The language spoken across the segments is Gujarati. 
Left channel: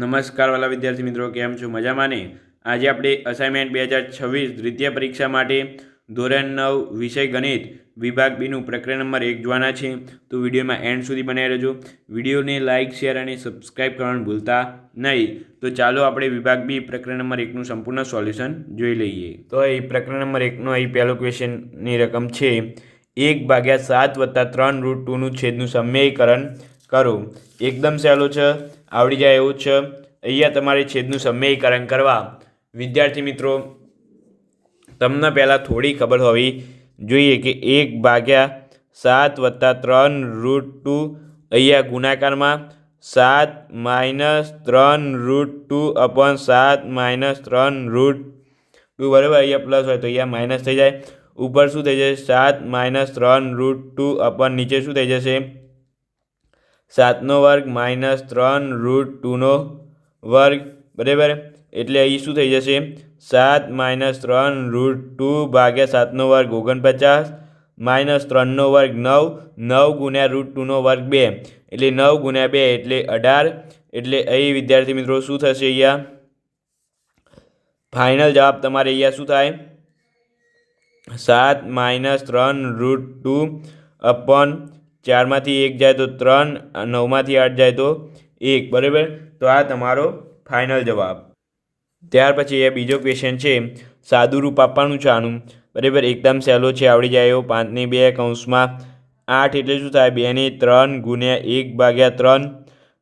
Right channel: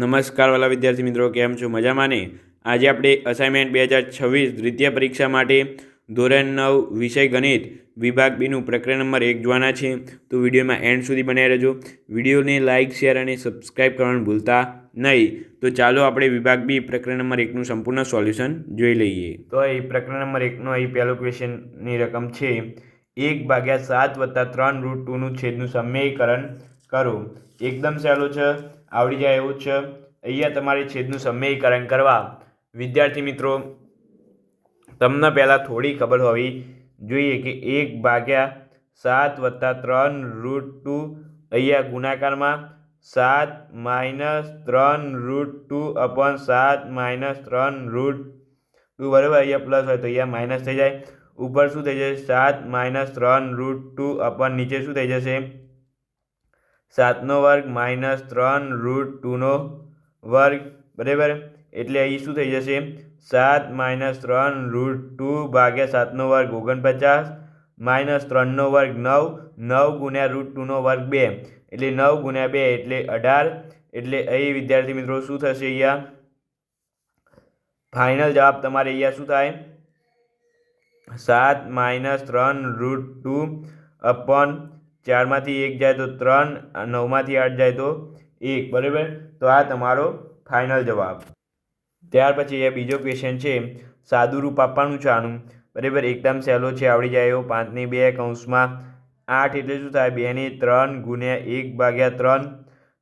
નમસ્કાર વાલા વિદ્યાર્થી મિત્રો, કેમ છો? મજામાં ને? આજે આપણે અસાઇનમેન્ટ બે હજાર છવ્વીસ દ્વિતીય પરીક્ષા માટે ધોરણ નવ વિષય ગણિત વિભાગ બીનું પ્રકરણ નંબર એક જોવાના છે. તો વિડીયોમાં એન્ડ સુધી બનાવી રહેજો. વિડીયોને લાઇક શેર અને સબસ્ક્રાઇબ કરવાનું ભૂલતા નહીં. તો ચાલો આપણે વિભાગ બી પ્રકરણ નંબર એકનું સંપૂર્ણ સોલ્યુશન જોઈ લઈએ. તો અહીં પ્રકરણ નંબર એકનો અહીં પહેલો ક્વેશ્ચનની રકમ છે. એક ભાગ્યા સાત વત્તા ત્રણ રૂટ ટુનું છેદનું સમ્યયકરણ કરો. એકદમ સહેલું છે. આવડી જાય એવું છે. અહીંયા તમારે છેદનું સમ્યયકરણ કરવા. વિદ્યાર્થી મિત્રો, તમને પહેલાં થોડી ખબર હોવી જોઈએ કે એક ભાગ્યા સાત વત્તા ત્રણ રૂટ ટુ અહીંયા ગુણાકારમાં સાત માઇનસ ત્રણ રૂટ ટુ અપોન સાત માઇનસ ત્રણ રૂટ ટુ બરાબર અહીંયા પ્લસ હોય તો અહીંયા માઇનસ થઈ જાય. ઉપર શું થઈ જશે? સાત માઇનસ ત્રણ રૂટ ટુ અપોન નીચે શું થઈ જશે? સાતનો વર્ગ માઇનસ ત્રણ રૂટ ટુનો વર્ગ, બરાબર? એટલે અહીં શું થઈ જશે? સાત માઇનસ ત્રણ રૂટ ટુ ભાગ્યા સાતનો વર્ગ ઓગણપચાસ, માઇનસ ત્રણનો વર્ગ નવ નવ ગુણ્યા રૂટ ટુનો વર્ગ બે. એટલે નવ ગુણ્યા બે એટલે અઢાર. એટલે અહીં, વિદ્યાર્થી મિત્રો, શું થશે અહીંયા? ફાઇનલ જવાબ તમારે અહીંયા શું થાય? સાત માઇનસ ત્રણ રૂટ ટુ અપોન ચારમાંથી એક જાય તો ત્રણ નવમાંથી આઠ જાય તો એક, બરાબર? તો આ તમારો ફાઇનલ જવાબ. ત્યાર પછી એ બીજો ક્વેશ્ચન છે સાદું રૂપ આપવાનું છે આનું, બરાબર? એકદમ સહેલો છે, આવડી જાય એવો. પાંચની બે કૌંસમાં આઠ એટલે શું થાય? બેની ત્રણ ગુણ્યા એક ભાગ્યા ત્રણ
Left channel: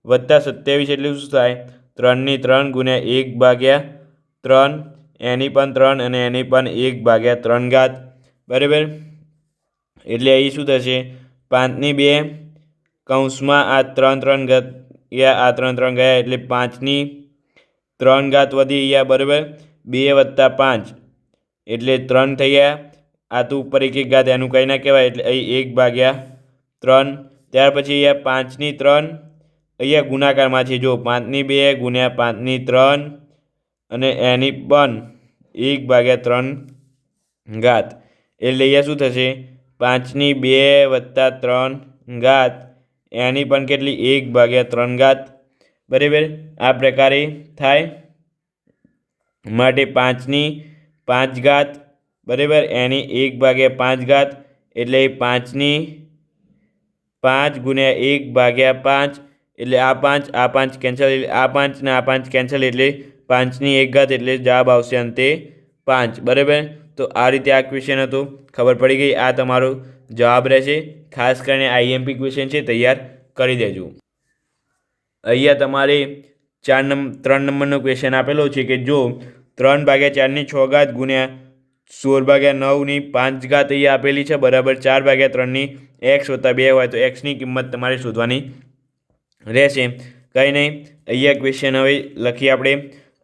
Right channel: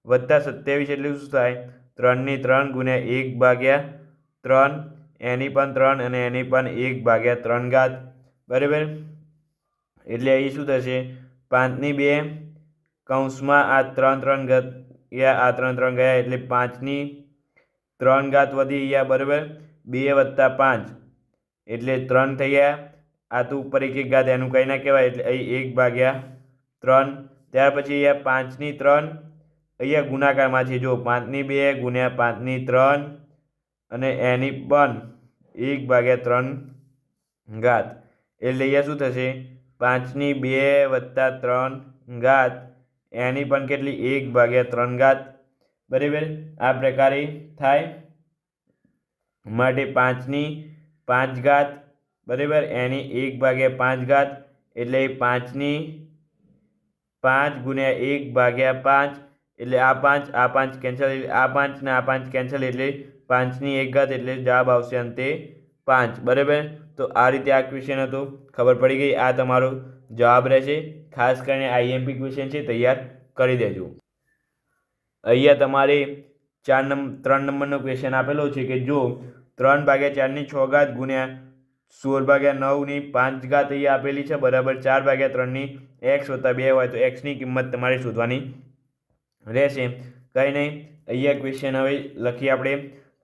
વત્તા સત્યાવીસ એટલે શું થાય? ત્રણની ત્રણ ગુણ્યા એક ભાગ્યા ત્રણ, એની પણ ત્રણ અને એની પણ એક ભાગ્યા ત્રણ ઘાત, બરાબર? એટલે અહીં શું થશે? પાંચની બે કૌંસમાં આ ત્રણ ત્રણ ગયા આ ત્રણ ત્રણ ગયા એટલે પાંચની ત્રણ ઘાત વધી ગયા બરાબર. બે વત્તા પાંચ એટલે ત્રણ થઈ ગયા. આ તો ઉપર એક એક ઘાત એનું કંઈ ના કહેવાય એટલે અહીં એક ભાગ્યા ત્રણ. ત્યાર પછી અહીંયા પાંચની ત્રણ. અહીંયા ગુણાકારમાં છે, જો પાંચની બે ગુણ્યા પાંચની ત્રણ અને એની પણ એક ભાગ્યા ત્રણ ઘાત. એટલે અહીંયા શું થશે? પાંચની બે વત્તા ત્રણ ઘાત. એની પણ કેટલી? એક ભાગ્યા ત્રણ ઘાત. બરાબર? આ પ્રકારે થાય. માટે પાંચની પાંચ ઘાત. બરાબર? એની એક ભાગ્યા પાંચ ઘાત. એટલે પાંચની પાંચ ગુણ્યા એક ભાગ્યા પાંચ. એટલે આ પાંચ આ પાંચ કેન્સલ એટલે આ પાંચ ને આ પાંચ કેન્સલ એટલે પાંચની એક ઘાત એટલે જવાબ આવશે અંતે પાંચ. બરાબર? તો આ રીતે આ ક્વેશ્ચન હતો. ખબર પડી ગઈ, આ તમારો જવાબ રહેશે. ખાસ કરીને આઈએમપી ક્વેશ્ચન છે, તૈયાર કરી દેજો. અહીંયા તમારે ચાર નંબર ત્રણ નંબરનો ક્વેશ્ચન આપેલો છે કે જો ત્રણ ભાગ્યા ચારની છ ઘાત ગુણ્યા સોળ ભાગ્યા નવની પાંચ ઘાત અહીંયા આપેલી છે, બરાબર ચાર ભાગ્યા ત્રણની એક્સ વત્તા બે હોય તો એક્સની કિંમત તમારે શોધવાની રહેશે. કંઈ નહીં, અહીંયા ક્વેશ્ચન હવે લખીએ આપણે.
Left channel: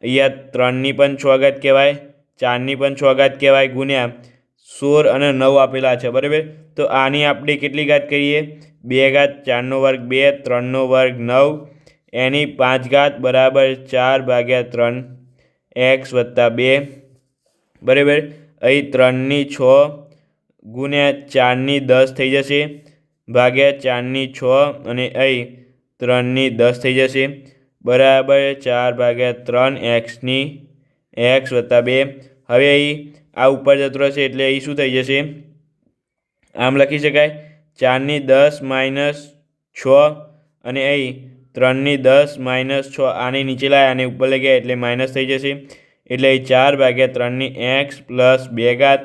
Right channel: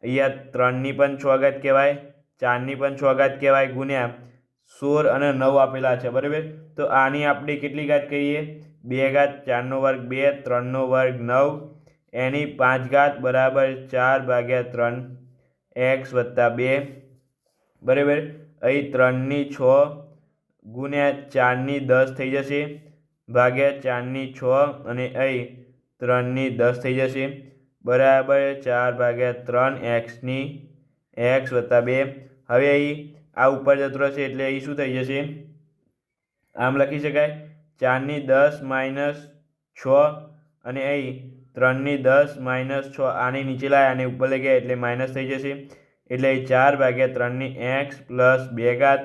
અહીંયા ત્રણની પણ છ ઘાત કહેવાય. ચારની પણ છ ઘાત કહેવાય, ગુણ્યા સોળ અને નવ આપેલા છે, બરાબર? તો આની આપણે કેટલી ઘાત કરીએ? બે ઘાત ચારનો વર્ગ બે, ત્રણનો વર્ગ નવ, એની પાંચ ઘાત બરાબર ચાર ભાગ્યા ત્રણ, એક્સ વત્તા બે, બરાબર? અહીં ત્રણની છ ગુણ્યા ચારની દસ થઈ જશે, ભાગ્યા ચારની છ અને અહીં ત્રણની દસ થઈ જશે, બરાબર ચાર ભાગ્યા ત્રણ, એક્સની એક્સ વત્તા બે. હવે અહીં આ ઉપર જતો રહેશે એટલે અહીં શું થઈ જશે? આમ લખી શકાય. ચારની દસ માઇનસ છ અને અહીં ત્રણની દસ માઇનસ છ આની નીચે લાય, આને ઉપર લઈ ગયા એટલે માઇનસ થઈ જશે. એટલે અહીં ચાર ભાગ્યા ત્રણની એક્સ પ્લસ બે ઘાત.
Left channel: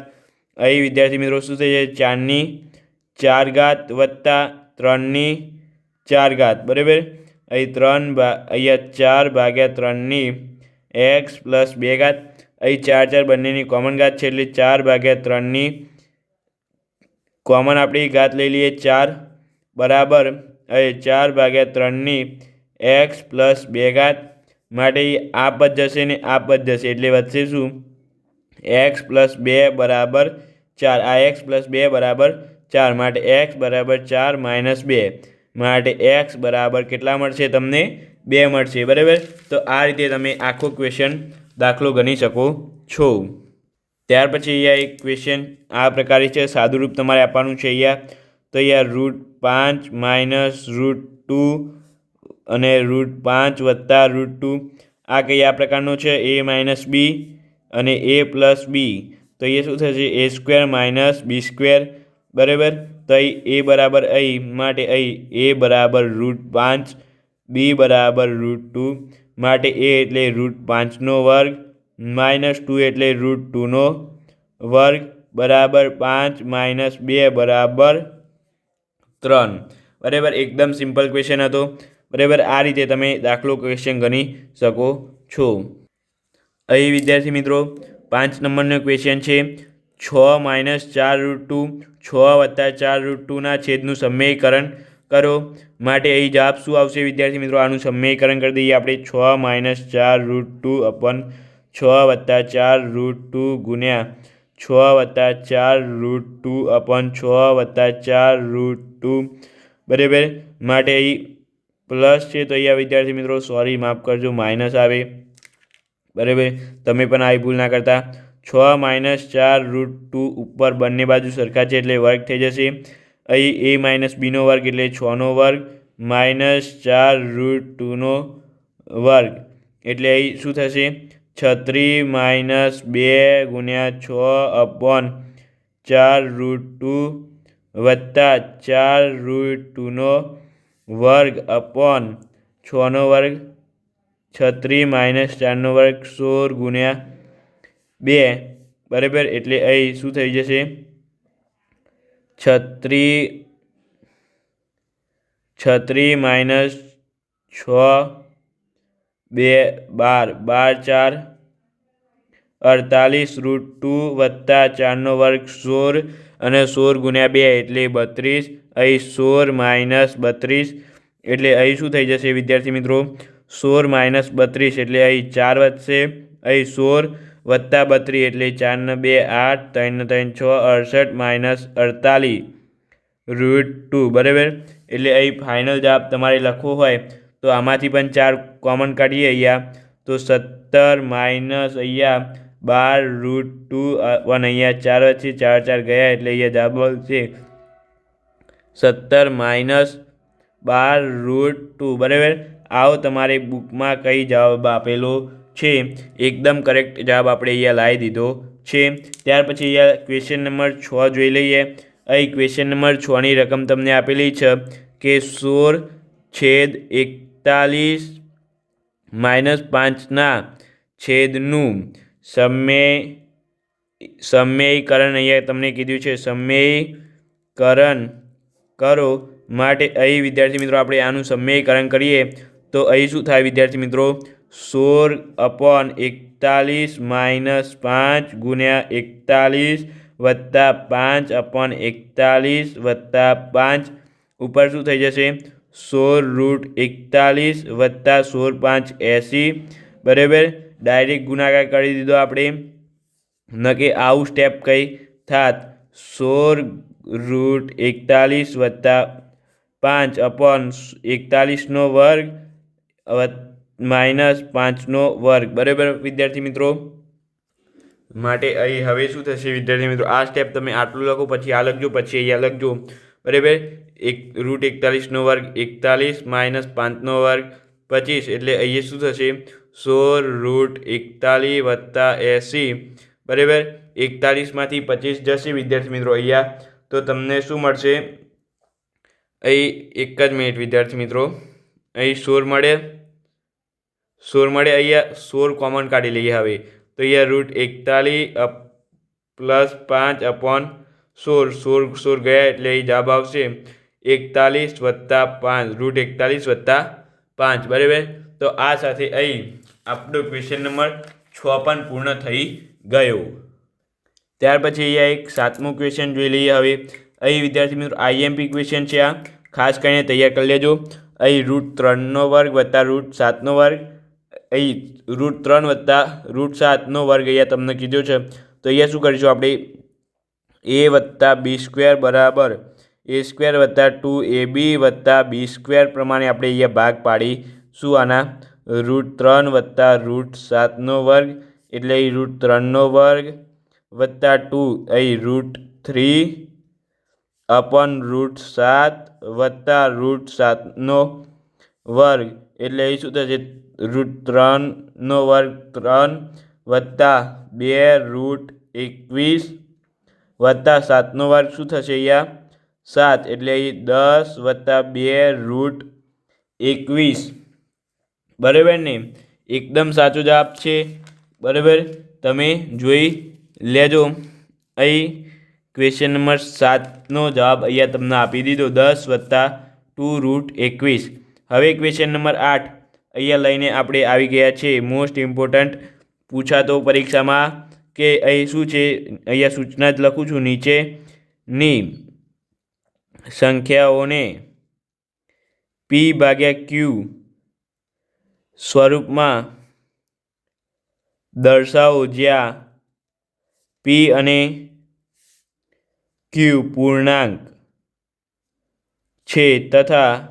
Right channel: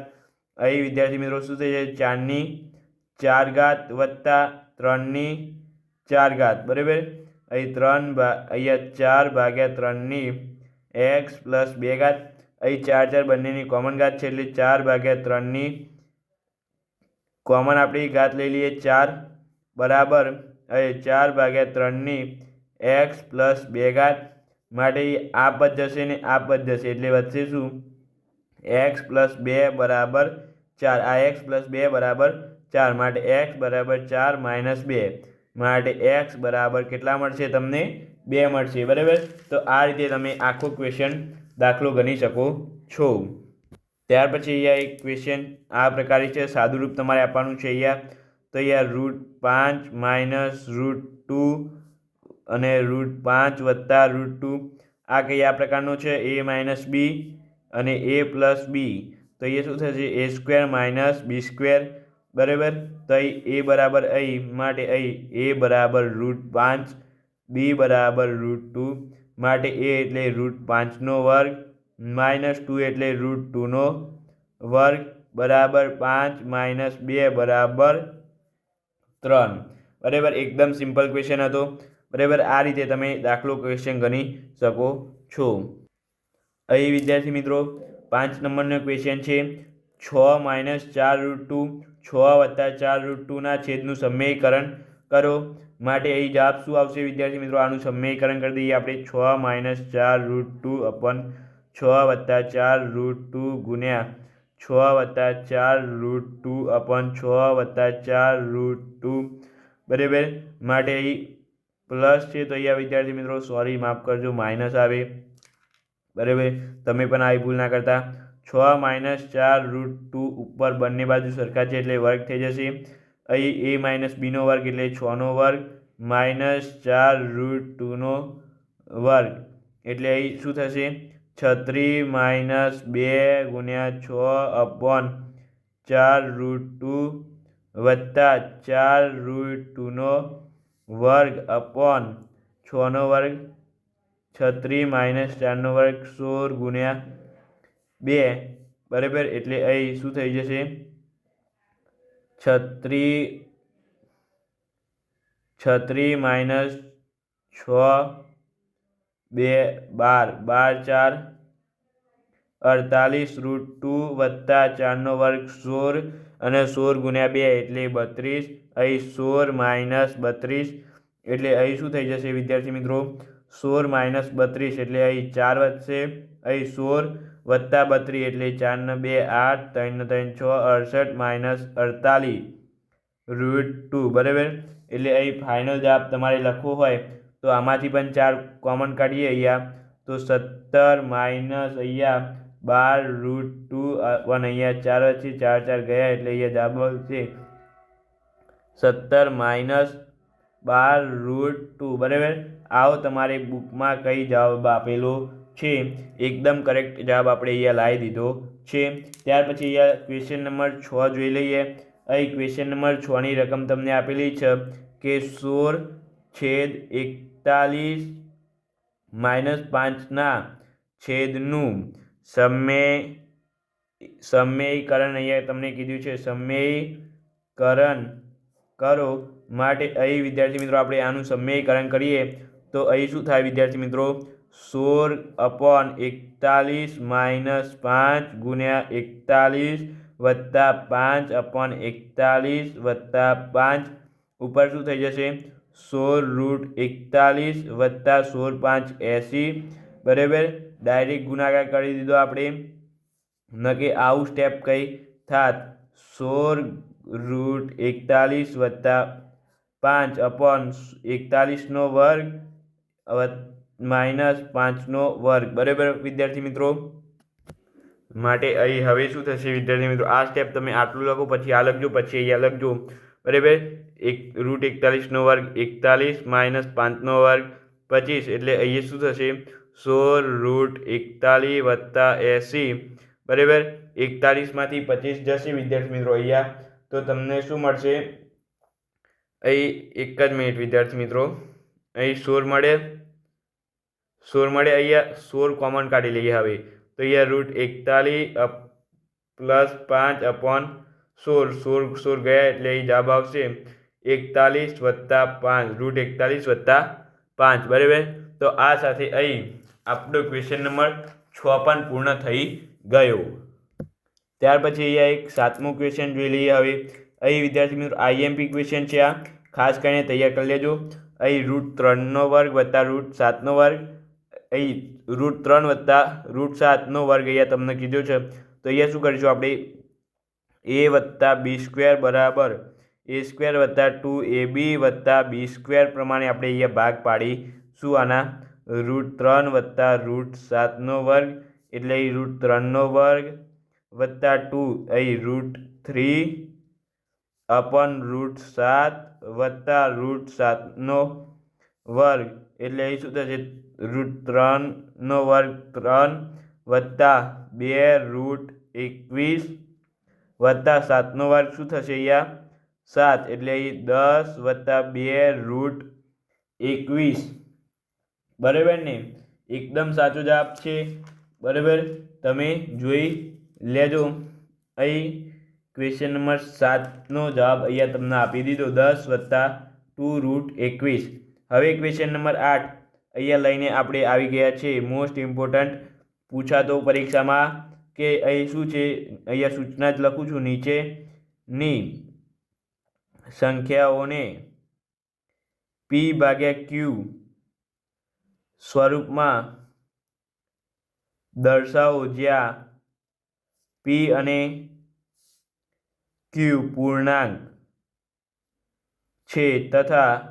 અહીં વિદ્યાર્થી મિત્રો શું થઈ જાય? ચારની ચાર ઘાત વત્તા ત્રણની ચાર ઘાત. બરાબર? અહીં ત્રણ ભા, અહીંયા ચાર ભાગ્યા ત્રણની એક્સ પ્લસ બે ઘાત. અહીં ચાર ચાર બંનેની કોમન ઘાત છે એટલે ચાર ભાગ્યા ત્રણની કોમન આપણી ઘાત લઈ લઈએ ચાર. બરાબર. અહીં ચાર ભાગ્યા ત્રણની એક્સ પ્લસ બે ઘાત. માટે આ પદ જશે ને આ પદ જશે એટલે વધશે શું? એક્સ પ્લસ બે બરાબર ચાર. આ એક્સ પ્લસ બે બરાબર ચાર. માટે એક્સ બરાબર ચાર માઇનસ બે. માટે એક્સ બરાબર કેટલા મળશે તમને? બે મળશે બરાબર? તો આ રીતે તમે આખો ક્વેશ્ચન દાખલો ગણી શકો છો. ત્યાર પછી અહીંયા એક ક્વેશ્ચન આ પ્રકારે છે, સાદુરૂપ તમારે આપવાનું છે અહીંયા. તો અહીંયા રૂટ પાંચ માઇનસ રૂટ ટુ અને રૂટ પાંચ વત્તા રૂટ ટુ આ કયા પ્રકારનો છે? એ માઇનસ બી અને એ પ્લસ બી તો એ શું થશે? A square minus B square બરાબર? તો અહીં એ બરાબર અહીં, માટે અહીં એ બરાબર રૂટ પાંચ. બી બરાબર રૂટ ટુ માટે એ એટલે રૂટ પાંચનો વર્ગ, માઇનસ ટુ એટલે રૂટ ટુનો વર્ગ, બરાબર પાંચ, માઇનસ બે બરાબર ત્રણ. બરાબર, એકદમ સિમ્પલ ક્વેશ્ચન હતો. બરાબર, આ રીતે તમે દાખલો ક્વેશ્ચન ગણી શકો છો. અહીં વિદ્યાર્થી મિત્રો, પાંચ નંબરનો ક્વેશ્ચન છે. છ માઇનસ ચાર રૂટ ટુ, છ વત્તા ચાર રૂટ ટુના છેદનું સમીકરણ કરો. માટે અહીં જવાબ શું આવશે વિદ્યાર્થી મિત્રો? આનું સમીકરણ કરી દઈએ. આપણે છ માઇનસ ચાર રૂટ ટુ અપન છ વત્તા ચાર રૂટ ટુ ગુણ્યા છ વત્તા ચાર રૂટ ટુ અપન છ વત્તા ચાર રૂટ ટુ બરાબર? માટે અહીં પ્લસ છે તો અહીંયા વિદ્યાર્થી મિત્રો સોરી માફ કરજો માઇનસ આવે. બરાબર? તમે પણ આવી ભૂલ ના કરતા. છ માઇનસ ચાર રૂટ ટુ ઉપર બંને બાજુ સરખા છે એટલે વર્ગ થઈ જશે. અહીં એ માઇનસ બીનો વર્ગ એટલે છનો વર્ગ માઇનસ ચાર રૂટ ટુનો વર્ગ. એટલે અહીં શું થશે? છત્રી માઇનસ બે ગુણ્યા છ અપોન ચાર રૂટ ટુ વત્તા ચાર રૂટ ટુનો વર્ગ અપોન છનો વર્ગ. છત્રી માઇનસ ચારનો વર્ગ સોળ ગુણ્યા બે. બરાબર? એટલે અહીં શું થઈ જશે? છત્રી છત્રી માઇનસ છ, બે, બાર. બાર, ચાર. અડતાલીસ રૂટ ટુ વત્તા ચારનો વર્ગ સોળ અને સોળ ગુણ્યા બે એટલે બત્રીસ. અહીં સોળ માઇનસ બત્રીસ એટલે અહીં શું થઈ જશે વિદ્યાર્થી મિત્રો? સોળ માઇનસ બત્રીસ એટલે અહીં ચાર વધશે. અહીં સોળ વત્તા બત્રીસ એટલે ચારને બે આઠ, ત્રણ ત્રણ છ, અડસઠ, માઇનસ અડતાલીસ. રૂટ ટુ, બરાબર? એટલે અહીં ફાઇનલ જવાબ તમારે લખવો હોય તો આમાંથી પણ ચાર કોમન કાઢીએ અહીંયા. તો સત્તર માઇનસ અહીંયા બાર, રૂટ ટુ વન, અહીંયા ચાર વચ્ચે ચાર ચાર ગયા એટલે અહીંયા જવાબ છે સત્તર માઇનસ બાર, રૂટ ટુ, બરાબર? આવો તમારે બુકમાં કઈ જવાબ આપેલો છે. એકદમ કરેક્ટ જવાબ આપણે અહીંયા લાવી દીધો છે. ત્યાર પછી અહીંયા ક્વેશ્ચન નંબર છ જોઈ લઈએ. અહીં ક્વેશ્ચન નંબર છની રકમ તમને આપેલી છે કે સોળ છેદ એકતાલીસ માઇનસ પાંચના છેદનું સમય સમયકરણ અહીંયા તમને કીધું છે. સમયકરણ કરો માટે અહીં વિદ્યાર્થી મિત્રો આપણે આનું સમયકરણ કરીએ. તો અહીં શું થાય વિદ્યાર્થી મિત્રો? સોળ અપોન એકતાલીસ માઇનસ પાંચ ગુણ્યા એકતાલીસ વત્તા પાંચ અપોન એકતાલીસ વત્તા પાંચ. ઉપર શું થઈ જશે? સોળ રૂટ એકતાલીસ વત્તા સોળ પાંચ એંસી. બરાબર? ડાયરેક્ટ ગુણાકાર કરી દીધો આપણે. ન કે આવું સ્ટેપ કંઈ થાત. સોળ રૂટ એકતાલીસ વત્તા પાંચ અપોન એકતાલીસનો વર્ગ માઇનસ પાંચનો વર્ગ. બરાબર, વિદ્યાર્થી મિત્રો? માટે અહીં હવે શું થશે વિદ્યાર્થી મિત્રો? આ સ્ટેપ તમે આટલું લખો, પછી આ લખજો, પછી અહીંયા લખજો. બરાબર? એક રૂટ એકતાલીસનો વર્ગ, એકતાલીસ માઇનસ પાંચનો વર્ગ, પચીસ. એટલે અહીંયા શું થશે? સોળ રૂટ એકતાલીસ વત્તા એંસી. બરાબર? એકતાલીસમાંથી પચીસ જશે વિદ્યાર્થી મિત્રો અહીંયા. તો તમને શું મળશે? અહીં એક જ મિનિટ વિદ્યાર્થી મિત્રો. અહીં સોળ મળે. સોળ મળે અહીંયા સોળ કોમન કાઢી લઈએ હવે. તો અહીંયા રૂટ એકતાલીસ પ્લસ પાંચ અપોન સોળ સોળ સોળ ગયા એટલે અહીં જવાબ આવશે એકતાલીસ વત્તા પાંચ રૂટ એકતાલીસ વત્તા પાંચ, બરાબર? તો આ સાથે અહીં આપણો ક્વેશ્ચન નંબર છ પણ પૂર્ણ થઈ ગયો. ત્યાર પછી અહીંયા એક સાતમું ક્વેશ્ચન જોઈ લઈએ હવે. અહીં વિદ્યાર્થી મિત્રો આઈએમપી ક્વેશ્ચન છે આ. ખાસ કરીને તૈયાર કરી લેજો. અહીં રૂટ ત્રણનો વર્ગ વત્તા રૂટ સાતનો વર્ગ. અહીં રૂટ ત્રણ વત્તા રૂટ સાતનો વર્ગ અહીંયા તમને કીધો છે. તો અહીંયા શું કરીશું આપણે? એ વત્તા બી સ્ક્વેર બરાબર. એ સ્ક્વેર વત્તા ટુ એ બી વત્તા બી સ્ક્વેર પ્રમાણે આપણે અહીંયા ભાગ પાડીશું આના? રૂટ ત્રણ વત્તા રૂટ સાતનો વર્ગ. એટલે અહીં રૂટ ત્રણનો વર્ગ વત્તા ટુ અહીં રૂટ થ્રી અપન રૂટ સાત વત્તા રૂટ સાતનો વર્ગ. એટલે અહીં શું થશે? રૂટ ત્રણનો વર્ગ ત્રણ વત્તા બે રૂટ એકવીસ વત્તા સાતનો વર્ગ શું થશે અહીંયા? સાત. એટલે અહીં દસ વત્તા બે રૂટ એકવીસ. બરાબર ને? એકદમ સાચો જવાબ છે. બરાબર? તમે જોઈ લેજો. અહીં ક્વેશ્ચન નંબર સાતનો જવાબ અહીંયા તમને આપી દીધો. દસ વત્તા ટુ રૂટ એકવીસ. હવે ક્વેશ્ચન નંબર આઠ. અહીંયા લઈને આપણે આવી ગયા છે મોસ્ટ ઇમ્પોર્ટન્ટ પૂછાતો પરીક્ષામાં કે અહીં શું છે? અહીંયા સૂચના જ લખું છું નીચેની સંખ્યાઓને પી ભાગ્યા ક્યુ સ્વરૂપમાં દર્શાવો જ્યાં પી અને ક્યુ પૂર્ણાંક છે તથા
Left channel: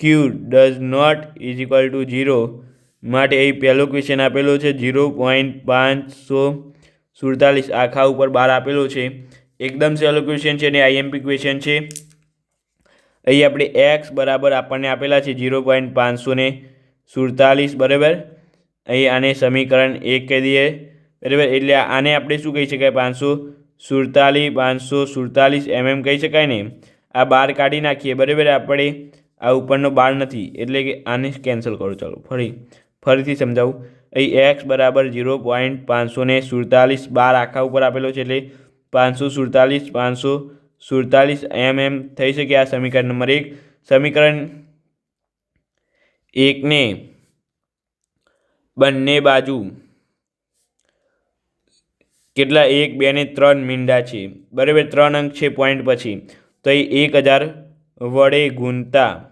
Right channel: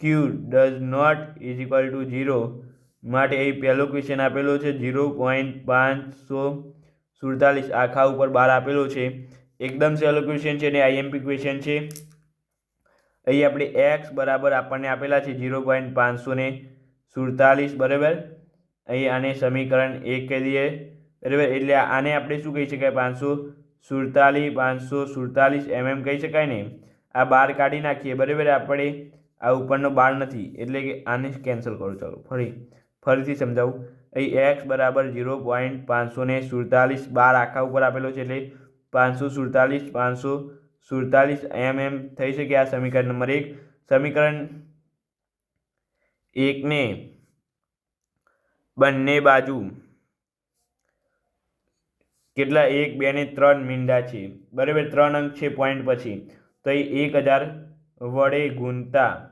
Q does not is equal to zero માટે અહીં પહેલો ક્વેશ્ચન આપેલો છે ઝીરો પોઈન્ટ પાંચસો સુડતાલીસ. આખા ઉપર બાર આપેલો છે. એકદમ સહેલો ક્વેશ્ચન છે અને આઈએમપી ક્વેશ્ચન છે. અહીં આપણે એક્સ બરાબર આપણને આપેલા છે ઝીરો પોઈન્ટ પાંચસો સુડતાલીસ, બરાબર? અહીં આને સમીકરણ એક કહી દઈએ. બરાબર? એટલે આને આપણે શું કહી શકાય? પાંચસો સુડતાલીસ પાંચસો સુડતાલીસ એમ એમ કહી શકાય ને? આ બાર કાઢી નાખીએ. બરાબર? આપણે આ ઉપરનો બાર નથી, એટલે કે આને કેન્સલ કરો. ચાલો, ફરી, ફરીથી સમજાવું. અહીં એક્સ બરાબર ઝીરો પોઈન્ટ પાંચસો ને સુડતાલીસ બાર આખા ઉપર આપેલો છે, એટલે પાંચસો સુડતાલીસ પાંચસો સુડતાલીસ એમ એમ થઈ શકે આ સમીકરણ નંબર એક. સમીકરણ એકને બંને બાજુ કેટલા એક, બે ને ત્રણ મીંડા છે? બરાબર ત્રણ અંક છે પોઈન્ટ પછી. તો એ એક હજાર વડે ગુણતા.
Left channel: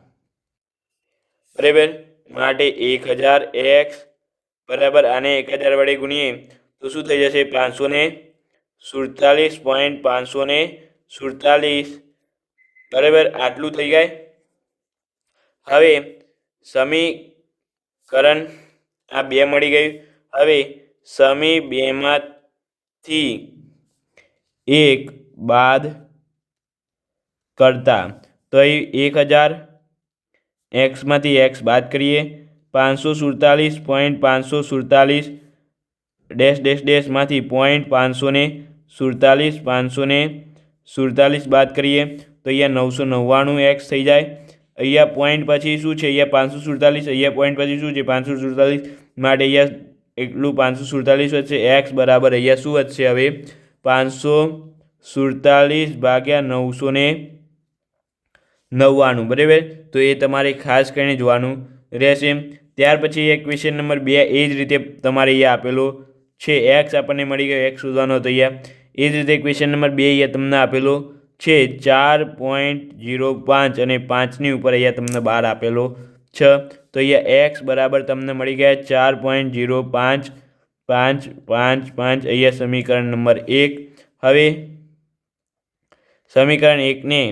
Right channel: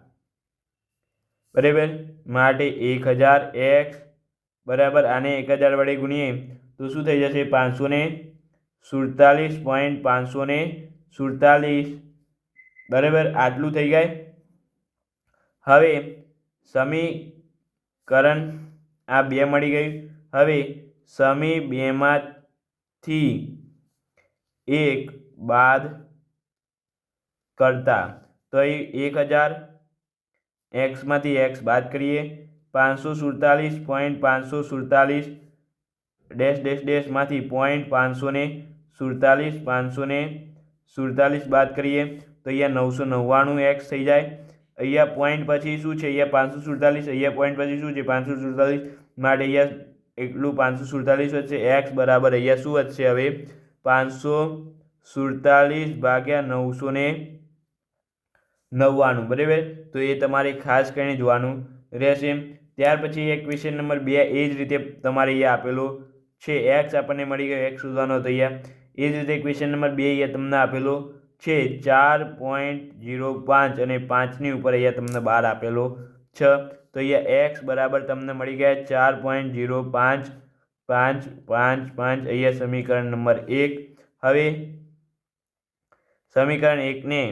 બરાબર માટે એક હજાર એક્સ બરાબર આને એક હજાર વડે ગુણીએ તો શું થઈ જશે? પાંચસો ને સુડતાલીસ પોઈન્ટ પાંચસો ને સુડતાલીસ. બરાબર આટલું થઈ જાય? હવે સમીકરણ આ બે મળી ગયું. હવે સમી બેમાંથી એક બાદ કરતા. તો અહીં એક હજાર. એક્સમાંથી એક્સ બાદ કરીએ. પાંચસો સુડતાલીસ પોઈન્ટ પાંચસો સુડતાલીસ. ડેશ ડેશ ડેશમાંથી પોઈન્ટ પાંચસો ને સુડતાલીસ, પાંચસો ને સુડતાલીસ બાદ કરીએ. તો અહીંયા નવસો નવ્વાણું એક્સ થઈ જાય. અહીંયા પોઈન્ટ પછી શું છે? અહીંયા પાંચસો સુડતાલીસ, અહીંયા પોઈન્ટ પછી શું છે? પાંચસો સુડતાલીસ. માટે અહીંયા એટલું પાંચસો સુડતાલીસ વધશે. એક્સ બરાબર અહીંયા શું વધશે? હવે પાંચસો સુડતાલીસ ભાગ્યા નવસો ને નવ્વાણું, બરાબર? તો એ તમારે ખાસ કરીને જોવાનું રહેશે. ત્યાર પછી એક ક્વેશ્ચન નંબર બે, એ જ રીતે તમારે અહીંયા આપેલો છે. એક્સ આપણને મળી ગયો એક્સ શોધવાનો હતો અહીંયા. એ જ રીતે ક્વેશ્ચન નંબર બે અહીંયા તમને આપેલો છે. ચાર પોઈન્ટ જીરો પાંચ અને પાંચની ઉપર અહીંયા તમને બાર આપેલો છ. તો અહીંયા એક્સ બરાબર તમને મળી ગયા ચાર પોઈન્ટ જીરો પાંચ પાંચ પાંચ પાંચ. અહીંયા સમીકરણ નંબર એક. હવે સમીકરણ એકને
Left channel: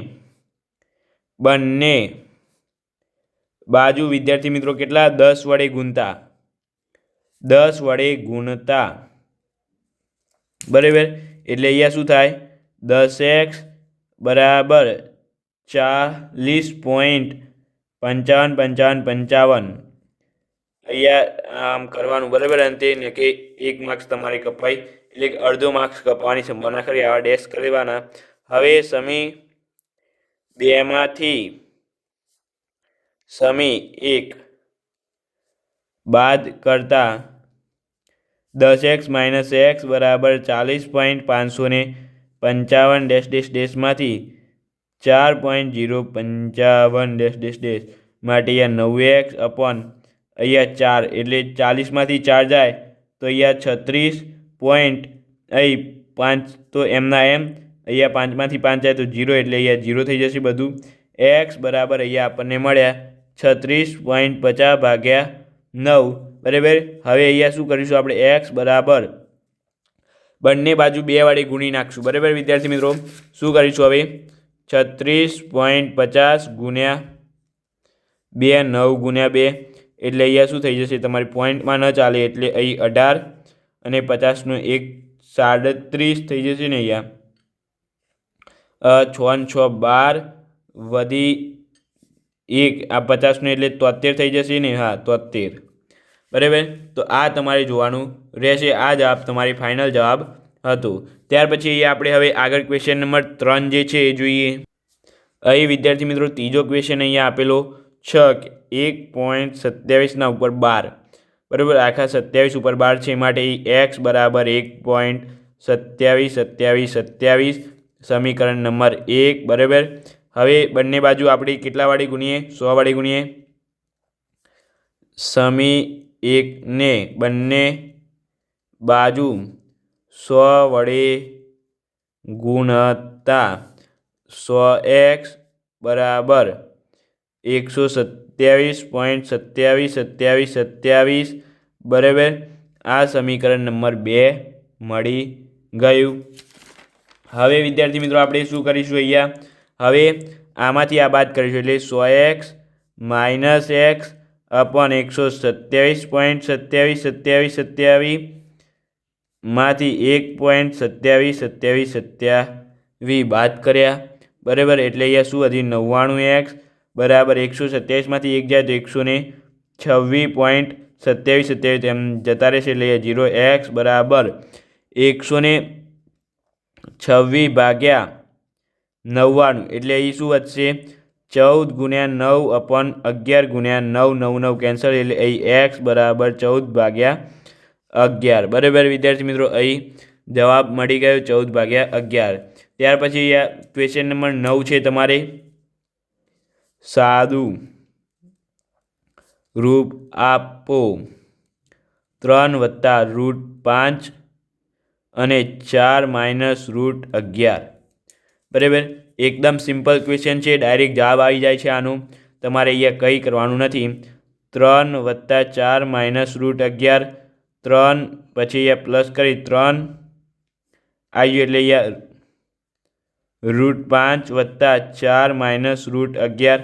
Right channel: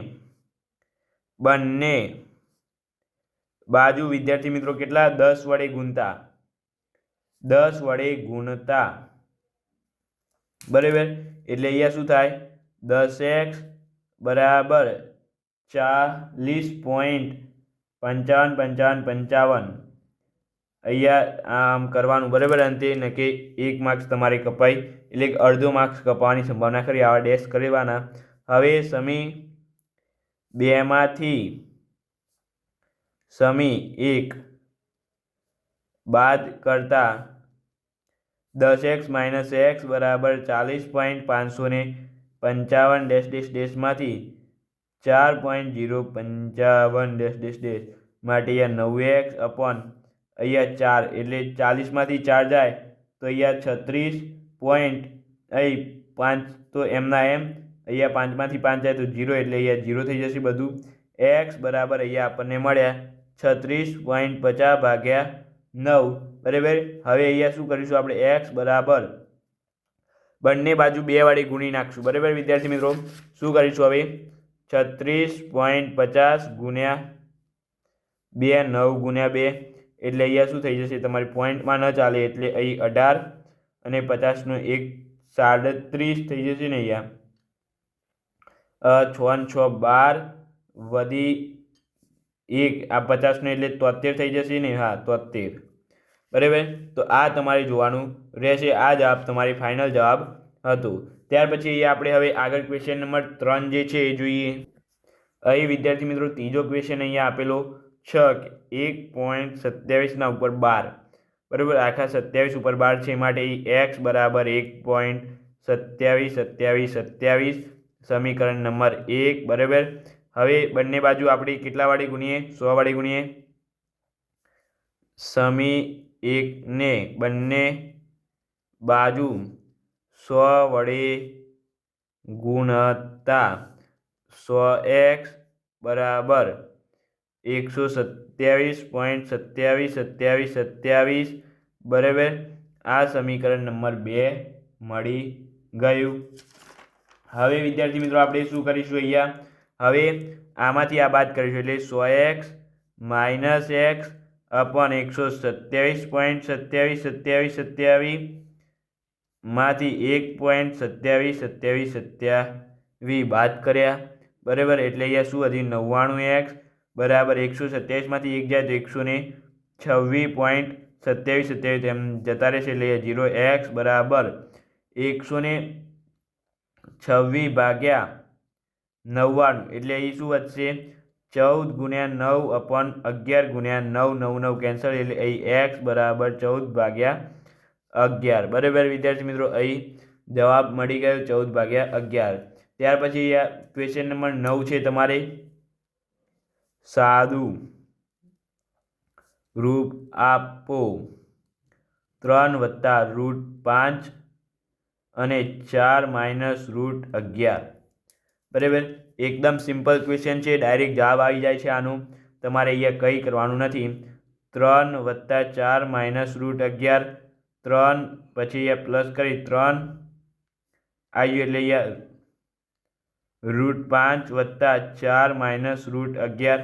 બંને. બાજુ વિદ્યાર્થી મિત્રો કેટલા? દસ વડે ગુણતા. દસ વડે ગુણતા. બરાબર? એટલે અહીંયા શું થાય? દસ એક્સ બરાબર ચાલીસ પોઈન્ટ પંચાવન પંચાવન પંચાવન. અહીંયા આમ કરવાનું બરાબર અંતે કે એક માર્ક્સ તમારે કપાય. એટલે અડધો માર્ક્સ કપાવવાની સંભાવના ખરી. આવા ડેશ કરી લેવાના. હવે સમી બેમાંથી સમી એક બાદ કરતા દસ એક્સ માઇનસ એક્સ બરાબર ચાલીસ પોઈન્ટ પાંચસો ને પંચાવન ડેશ ડેશ ડેશમાંથી ચાર પોઈન્ટ જીરો પંચાવન ડેશ ડેશ ડેશ માટે અહીંયા નવ એક્સ અપોન અહીંયા ચાર એટલે ચાલીસમાંથી ચાર જાય તો અહીંયા છત્રીસ પોઈન્ટ અહીં પાંચ તો એમના એમ અહીંયા પાંચમાંથી પાંચ જાય તો જીરો એટલે અહીંયા જીરો થઈ જશે બધું. એક્સ બરાબર અહીંયા આપણને મળ્યા છત્રીસ પોઈન્ટ પચાસ ભાગ્યા નવ. બરાબર? હવે અહીંયા શું કરીશું આપણે? એક્સ બરાબર. બંને બાજુ બે વાળી ગુણી નાખશું. બરાબર વિદ્યાર્થી મિત્રો? શું કરીશું હવે? છત્રીસ પોઈન્ટ પચાસ ગુણ્યા બે, નવ ગુણ્યા બે. એટલે અહીંયા શું થઈ જશે? તમારી પોઈન્ટમાં ન ચાલે એટલે અહીં અઢાર અને પચાસનો એક સાડત્રીસ થઈ જશે ને અહીંયા. છ છ, બાર, વધી એક. આ પચાસનું એટલે તોતેર થઈ જશે ને? હા, તોતેર. બરાબર? તો આ તમારે જોવાનું રહેશે. આ જવાબ તમારી ફાઇનલ જવાબ હતો. ત્યાર પછી આપણે હવે આગળ ક્વેશ્ચન નંબર ત્રણ જે છે એ જોઈએ. અહીં વિદ્યાર્થી મિત્રો ત્રીજો ક્વેશ્ચન અહીંયા આપેલો. છ એક પોઈન્ટ સત્યાવીસના ઉપર બાર. બરાબર? આખા સત્યાવીસ ઉપર બાર છે. માટે એક્સ બરાબર એક પોઈન્ટ સત્યાવીસ સત્યાવીસ સત્યાવીસ. સમીકરણ નંબર એક, બરાબર? હવે બંને બાજુ આપણે કેટલાવાળી ગુણીએ? સોવાળી ગુણીએ. સમી એકને બંને બાજુ સો વડે ગુણતા સો એક્સ બરાબર એકસો સત્યાવીસ પોઈન્ટ સત્યાવીસ સત્યાવીસ સત્યાવીસ, બરાબર? આ સમીકરણ નંબર બે મળી ગયું. હવે વિદ્યાર્થી મિત્રો, આપણે શું કરીશું અહીંયા? હવે આમાંથી આ બાદ કરીશું એટલે સો એક્સ માઇનસ એક્સ અપોન એકસો સત્યાવીસ પોઈન્ટ સત્યાવીસ સત્યાવીસ સત્યાવીસમાંથી એક પોઈન્ટ સત્યાવીસ સત્યાવીસ સત્યાવી બાદ કર્યા. બરાબર? એટલે અહીંયા શું હતી? નવ્વાણું એક્સ બરાબર એકસો સત્યાવીસમાંથી એક જાય તો એકસો ને છવ્વીસ પોઈન્ટ સત્યાવીસ સત્યાવીસ એમ જતા રહેશે. એટલે જીરો એક્સ બરાબર એકસો ને છવ્વીસ ભાગ્યા નવ્વાણું. એટલે અહીં શું વધશે? ચૌદ ગુણ્યા નવ અપોન અગિયાર ગુણ્યા નવ નવ નવ કેન્સલ એટલે અહીં એક્સ બરાબર ચૌદ ભાગ્યા અગિયાર. બરાબર વિદ્યાર્થી મિત્રો અહીં જવાબ મળી ગયો ચૌદ ભાગ્યા અગિયાર. ત્યાર પછી ક્વેશ્ચન નંબર નવ છે તમારે. સાદું રૂપ આપો. ત્રણ વત્તા રૂટ પાંચ અને ચાર માઇનસ રૂટ અગિયાર. બરાબર? એકદમ સિમ્પલ ક્વેશ્ચન છે. ડાયરેક્ટ જવાબ આવી જાય છે આનું. તમારે અહીંયા કંઈ કરવાનું નથી. ત્રણ વત્તા ચાર માઇનસ રૂટ અગિયાર. ત્રણ પછી અહીંયા પ્લસ કરી ત્રણ. આવ્યું એટલે અહીંયા રૂટ પાંચ વત્તા ચાર માઇનસ રૂટ અગિયાર.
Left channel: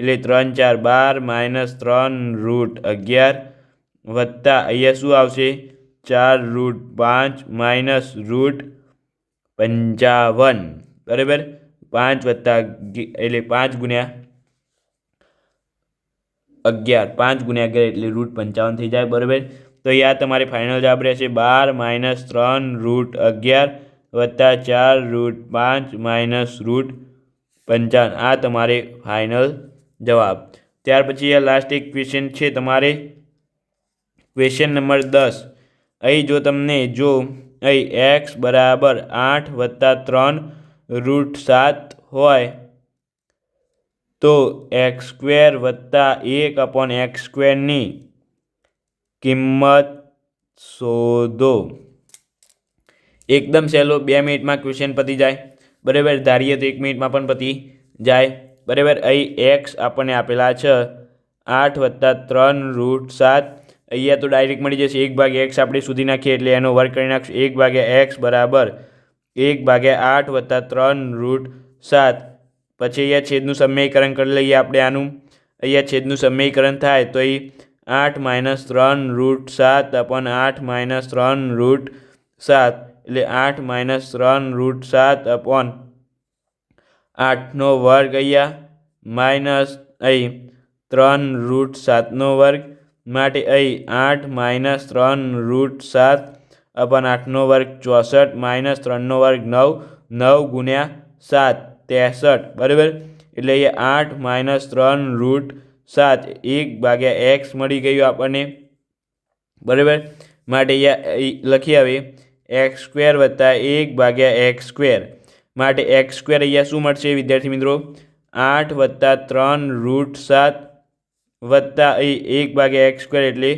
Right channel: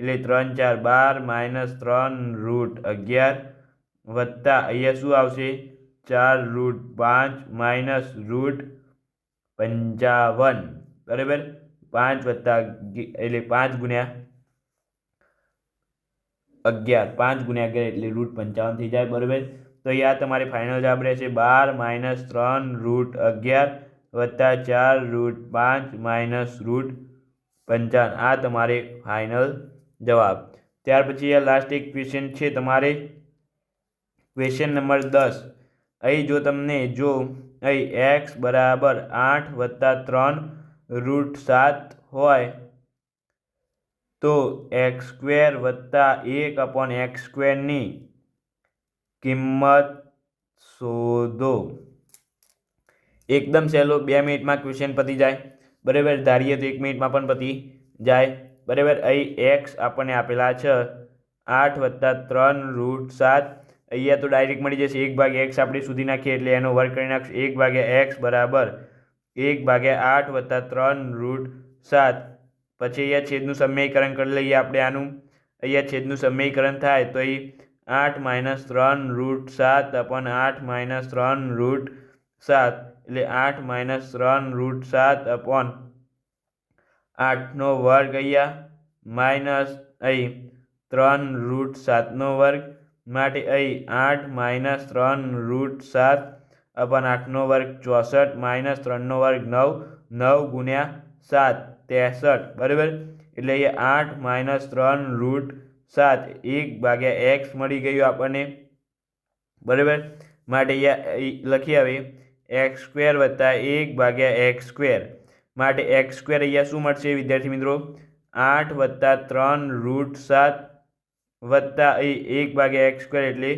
એટલે ત્રણ ચાર બાર માઇનસ ત્રણ રૂટ અગિયાર. વત્તા અહીંયા શું આવશે? ચાર રૂટ પાંચ માઇનસ રૂટ પંચાવન. બરાબર? પાંચ વત્તા એટલે પાંચ ગુણ્યા અગિયાર. પાંચ ગુણ્યા અગિયાર એટલે રૂટ પંચાવન થઈ જાય, બરાબર? તો આ તમારે ફાઇનલ જવાબ રહેશે. બાર માઇનસ ત્રણ રૂટ અગિયાર વત્તા ચાર રૂટ પાંચ માઇનસ રૂટ પંચાવન. આ તમારે ફાઇનલ જવાબ. ત્યાર પછી આ લાસ્ટ એક ક્વેશ્ચન છે તમારે. ક્વેશ્ચન નંબર દસ. અહીં જો તમને જો અહીં એક્સ બરાબર આઠ વત્તા ત્રણ રૂટ સાત હોય, તો એક્સ સ્ક્વેર વત્તા એક અપોન એક્સ સ્ક્વેરની કિંમત શોધો. એકદમ સહેલો બે મિનિટમાં ક્વેશ્ચન પતી જાય. બરાબર ધારીએ તો એક મિનિટમાં પણ પતી જાય. બરાબર અહીં એક્સ આપણને આપેલા છે આઠ વત્તા ત્રણ રૂટ સાત. અહીંયા તો ડાયરેક્ટ મળી જશે એક ભાગે એક્સ આપણે સુધી નાખીએ એટલે એનો વર્ક કરી નાખશું. એક ભાગ્યા એક્સ બરાબર એક ભાગ્યા આઠ વત્તા ત્રણ રૂટ સાત. પછી અહીંયા છેદનું સમયકરણ કરી લઈએ આપણે આનું. અહીંયા છેદનું સમયકરણ થાય તો એ આઠ માઇનસ ત્રણ રૂટ સાત અપન આઠ માઇનસ ત્રણ રૂટ સાત. એટલે આઠ માઇનસ ત્રણ રૂટ સાત અપોન આઠનો વર્ગ અહીંયા માઇનસ, અહીં ત્રણ રૂટ સાતનો વર્ગ. માટે અહીં આઠ માઇનસ ત્રણ રૂટ સાત અપન આઠનો વર્ગ ચોસઠ માઇનસ ત્રણનો વર્ગ નવ નવ ગુણ્યા સાત, ત્રેસઠ. બરાબર? એટલે અહીંયા આઠ માઇનસ ત્રણ રૂટ સાત, એક ભાગ્યા એક્સ મળી ગયું આપણને. બરાબર? માટે અહીંયા લખી આવે, એક્સ સ્ક્વેર વત્તા એક ભાગ્યા એક્સ સ્ક્વેર. માટે એક્સ સ્ક્વેર અહીંયા શું મળશે વિદ્યાર્થી મિત્રો? આઠ વત્તા ત્રણ રૂટ સાત વત્તા એક ભાગ્યા એક્સ સ્ક્વેર એટલે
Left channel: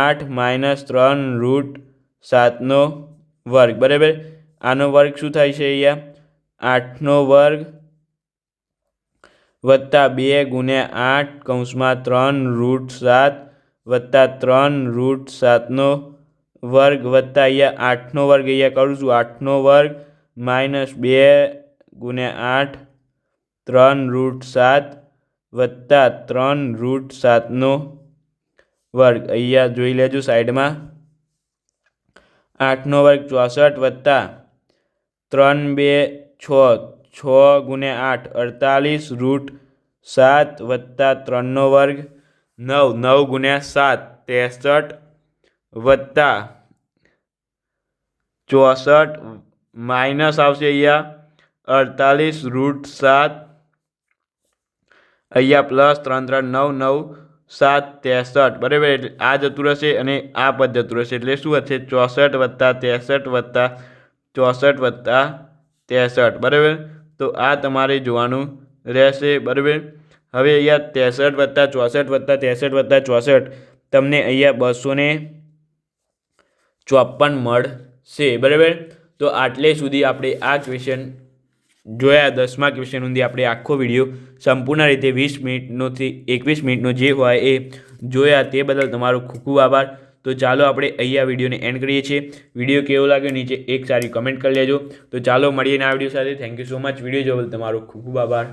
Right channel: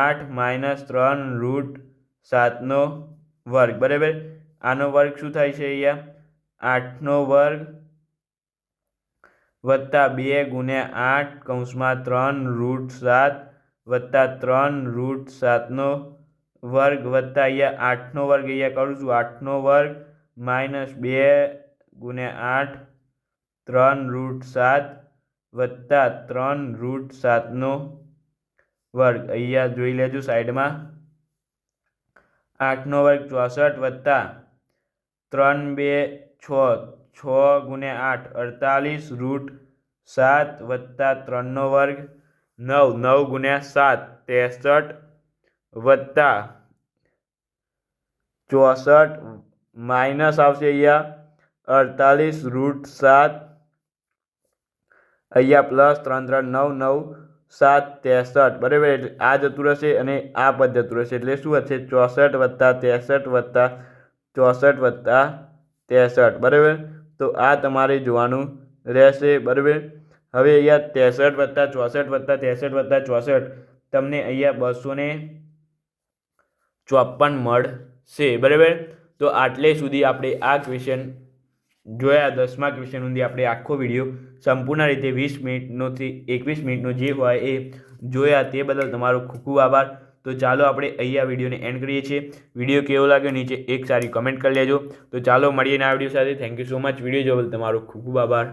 આઠ માઇનસ ત્રણ રૂટ સાતનો વર્ગ. બરાબર? આનો વર્ગ શું થાય છે અહીંયા? આઠનો વર્ગ વત્તા બે ગુણ્યા આઠ કૌંસમાં ત્રણ રૂટ સાત વત્તા ત્રણ રૂટ સાતનો વર્ગ વત્તા અહીંયા આઠનો વર્ગ. અહીંયા કરું છું આઠનો વર્ગ માઇનસ બે ગુણ્યા આઠ ત્રણ રૂટ સાત વત્તા ત્રણ રૂટ સાતનો વર્ગ. અહીંયા જોઈ લેજો સાઈડમાં. આઠનો વર્ગ ચોસઠ વત્તા ત્રણ બે છ છ ગુણ્યા આઠ, અડતાલીસ રૂટ સાત વત્તા ત્રણનો વર્ગ નવ નવ ગુણ્યા સાત, ત્રેસઠ વત્તા ચોસઠ માઇનસ આવશે અહીંયા અડતાલીસ રૂટ સાત અહીંયા પ્લસ ત્રણ ત્રણ નવ નવ સાત ત્રેસઠ. બરાબર એટલે આ જતું રહેશે અને આ પદ જતું રહેશે. એટલે શું હશે? ચોસઠ વત્તા ત્રેસઠ વત્તા ચોસઠ વત્તા ત્રેસઠ. બરાબર? તો આ તમારે જોવાનું રહેશે. બરાબર? હવે અહીંયા ત્રેસઠ વત્તા ચોસઠ વત્તા ત્રેસઠ વત્તા ચોસઠ તમને અહીંયા બસો ને ચોપન મળશે. બરાબર? તો આટલે સુધી આપણે આ ક્વેશ્ચન જોયા દસમા ક્વેશ્ચન સુધી આપણે આખો વીડિયો સંપૂર્ણ રીતે વીસ મિનિટનોથી એકવીસ મિનિટનો જે હોય એ જોયા તે બદલ તમારો ખૂબ ખૂબ આભાર. તો ચાલો આપણે અહીંયા વિડીયોને એન્ડ કરીએ છીએ. વીડિયો કેવો લાગ્યો નીચે એક સારી કમેન્ટ કરી લેજો. તો ચાલો મળીએ આ વીડિયો સાથે. Thank you so much video જોવા તમારો ખૂબ ખૂબ આભાર.